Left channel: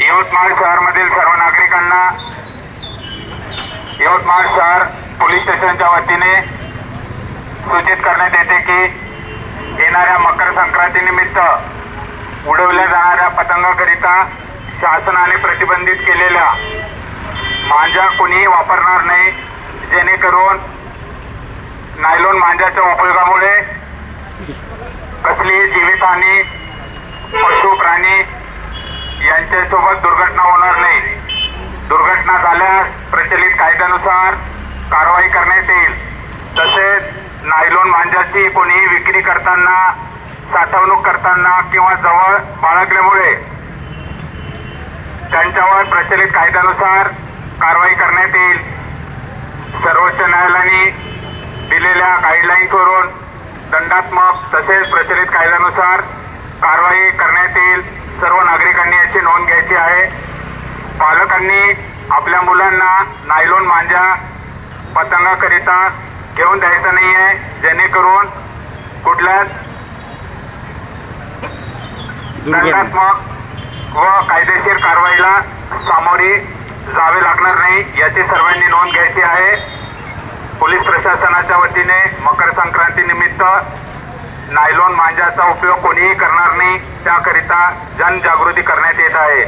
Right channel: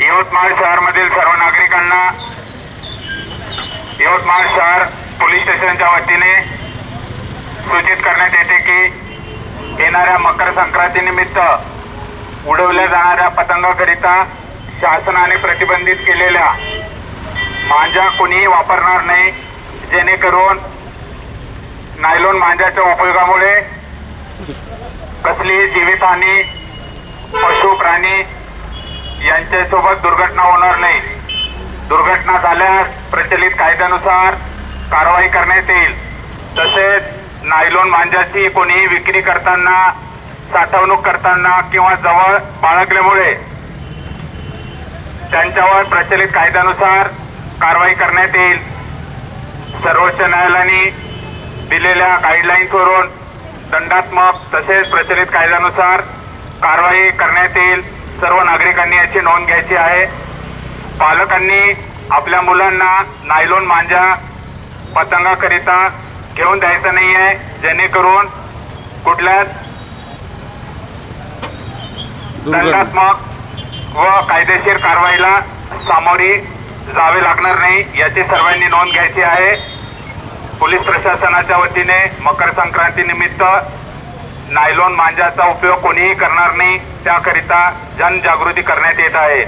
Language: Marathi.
यवतमाळ शहरामधील सर्व नागरिकांना यवतमाळ शहर पोलीस स्टेशनच्या वतीने सूचित करण्यात येते की येणाऱ्या मकर संक्रांतीनिमित्त उडवल्या जाणाऱ्या पतंगाकरिता शासनाने प्रतिबंधित केलेल्या मांजा कोणीही वापरणार नाही, जेणेकरून नायलॉन मांजाच्या उपयोगामुळे कसलीही जीवितहानी, पशु प्राणी यांच्यासोबत दुर्घटना होणार नाही। दुर्घटना झाल्यास प्रचलित कायद्यानुसार कारवाई करण्यात येईल। तसेच नायलॉन मांजाची कोणीही विक्री करताना, साठवणूक करताना किंवा जवळ बाळगल्यामुळे त्यांच्यावर प्रचलित कायद्यानुसार कारवाई करण्यात येईल। सर्वोच्च न्यायालयाने दिलेल्या गाईडलाईन्सवरून दंडात्मक तसेच प्रचलित कायद्यानुसार कारवाई करण्यात येईल। सर्व नागरिकांनी याची नोंद घ्यायची आहे। पालकांनी आपल्या मुलांना नायलॉन मांजा पतंगाकरिता घेऊन द्यायचं नाही आहे, जेणेकरून कुठल्याच दंडात्मक व कायदेशीर कारवाईला सामोरे जावे लागणार नाही, याची सर्वांनी नोंद घ्यायची आहे। पोलीस प्रशासनाच्या वतीने मकर संक्रांती निमित्त नायलॉन मांजाचा उपयोग कोणीही करणार नाही, त्याकरिता जनजागृती करण्यात येत आहे।